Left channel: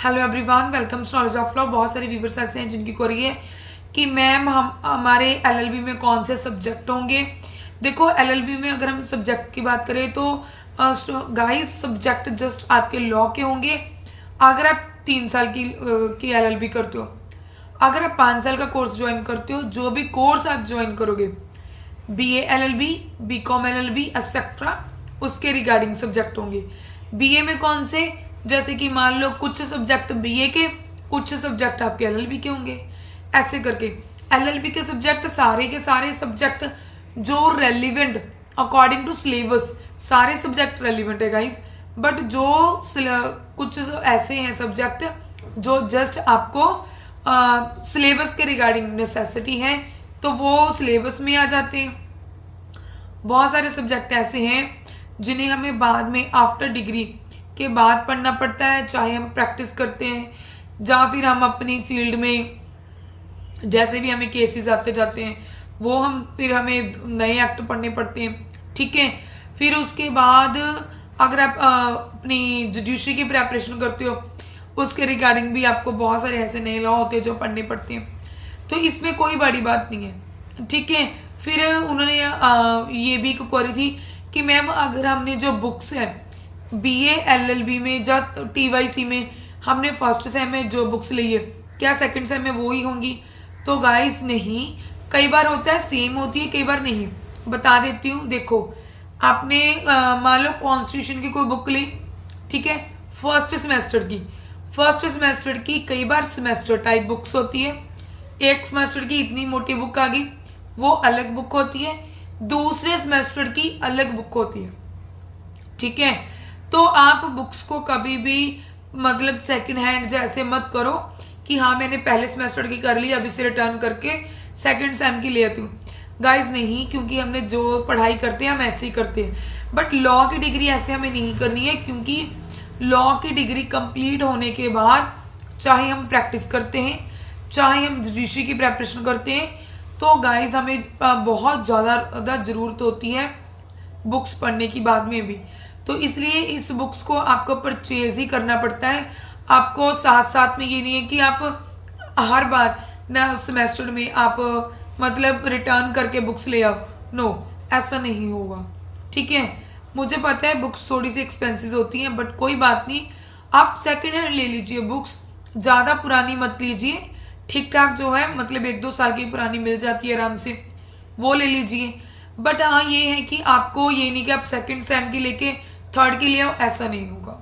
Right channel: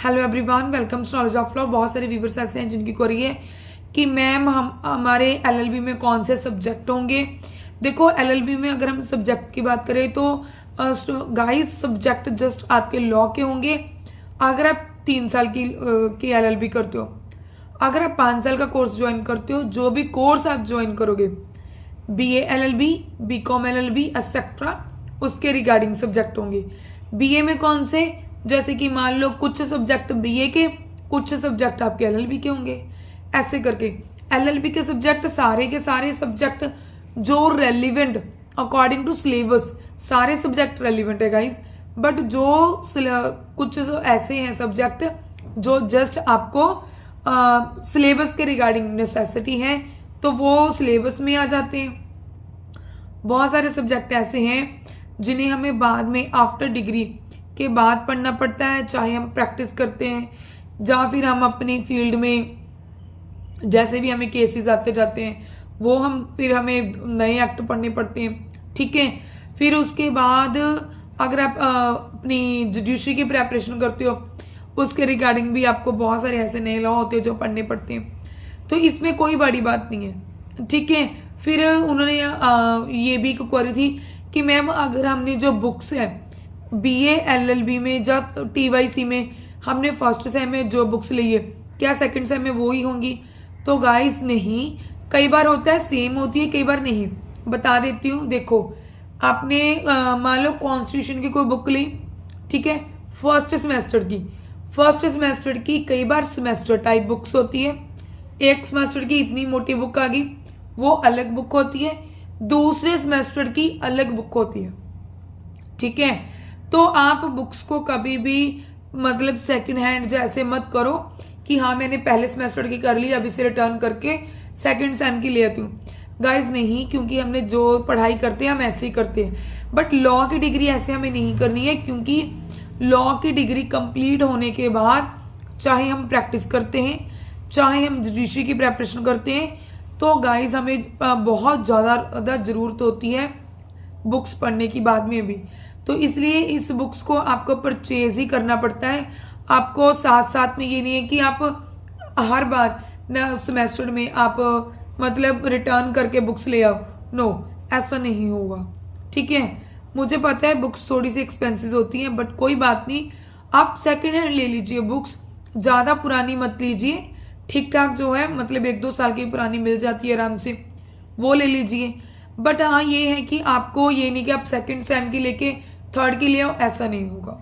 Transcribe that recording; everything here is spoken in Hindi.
Hello everyone, welcome to knowledge of law. बहुत सारे व्यूवर्स ऐसे हैं जिनकी क्वेरी है कि मैम हम हमारे एलएलबी में कौन से सब्जेक्ट होंगे। देखो, एलएलबी में अगर हम सब्जेक्ट की बात करें तो गाइस सब्जेक्ट जस्ट आपके लॉ के होंगे। अगर आप 3 साल की एलएलबी करते हो, अगर आप 5 साल का कोर्स ज्वाइन करते हो, जो भी कोर्स आप ज्वाइन करोगे, BA LLB, BCom LLB etcetera, उसके रिगार्डिंग सब्जेक्ट होंगे। बीए में कौन से, जैसे कि मान लो कुछ सब्जेक्ट बीए के, कुछ सब्जेक्ट आपके एलएलबी के होंगे, ऐसे करके एलएलबी के सब्जेक्ट सारे के सारे सब्जेक्ट जो रेलिवेंट अकॉर्डिंग टू सिलेबस, सारे सब्जेक्ट रेलिवेंट है गाइस। बट जो कुछ ऐसे हैं सब्जेक्ट जो जस्ट आपको सिलेबस के रिगार्डिंग नेसेसिटी है, तो वो सिलेबस में आ जाते हैं। बहुत सारे सब्जेक्ट ऐसे हैं जिन्हें हमें बाद में आफ्टर डिग्री के बाद पढ़ना पड़ता है, चाहे हम प्रैक्टिस करते हैं या फिर हम अपनी फील्ड में जैसे भी हमें केसेस आते जाते हैं वो हम फिर हमें नए एक्ट पढ़ने पड़ते हैं, ठीक है। फिर उसके बाद अगर आप अपनी जुडिशरी की प्रेपरेशन करते हो, उसके रिगार्डिंग भी आपको बहुत सारे ऐसे नए लॉ होते हैं जो पढ़ने पड़ते हैं, तो इसमें कोई बड़ी बात नहीं है, ठीक है। फिर उन्होंने ये भी क्वेरी थी कि मैम अगर हमने जो बुक्स हैं बीए एलएलबी में या टीवाईसी में हमने फर्स्ट सेम में जो बुक्स ली है, क्या सेकंड सेम में वो ही होंगी? तो गाइस नहीं, कई बार होता है सेम होती है, कई बार नहीं। बता देती हूँ, देखो आपने मान लो कॉन्स्टिट्यूशन की कोई बुक ली, ठीक है, फर्स्ट सेमेस्टर की कई बार सेमेस्टर टाइप बुक्स होती है। एक सेमेस्टर की इतनी मोटी बुक आ गई, वो अलग बुक होती है, दूसरे सेमेस्टर की अलग बुक होती है, ठीक है। तो आप बुक्स को कभी भी मतलब सेकंड हैंड जैसे मत करो कि हाँ मैंने पहले सेमेस्टर की कर ली, अब इसे रिटर्न करके सेकंड सेम की ले आती हूँ। गाइज नहीं, क्योंकि हमने जो पढ़ाई करते हैं हम ऐसे ही करते हैं। बट लॉ की डिग्री ऐसे हमें नहीं करनी है, क्योंकि लॉ की डिग्री कंप्लीट होने के बाद चाहे हम प्रैक्टिस करते हैं, चाहे हम जुडिशरी की प्रेपरेशन करते हैं, तो गाइज हमें बहुत ज़्यादा ज़रूरत होती है बुक्स पढ़ने की बाद में भी। तो इसलिए इस बुक्स को आपको परचेज ही करना पड़ता है। आपको साथ साथ में ये नहीं है कि आप हर बार ना सेमेस्टर में आप मतलब रिटर्न करके बुक्स ले आओ, नो, ऐसा नहीं होगा, ठीक है। मुझे पता है बुक्स थोड़ी सी एक्सपेंसिव होती हैं, बट कोई बात नहीं, आप सेकेंड हैंड ले लीजिए बुक्स, ज़्यादा पुरानी मत लीजिए, ठीक ठाक जो है मतलब 1-2 साल की पुरानी मिल जाती है आराम से, वो ले लीजिए। बट हाँ ये है कि आपको ये नहीं कि आप सेकंड सेम की लेके थर्ड की ले आओ, ऐसा नहीं होगा।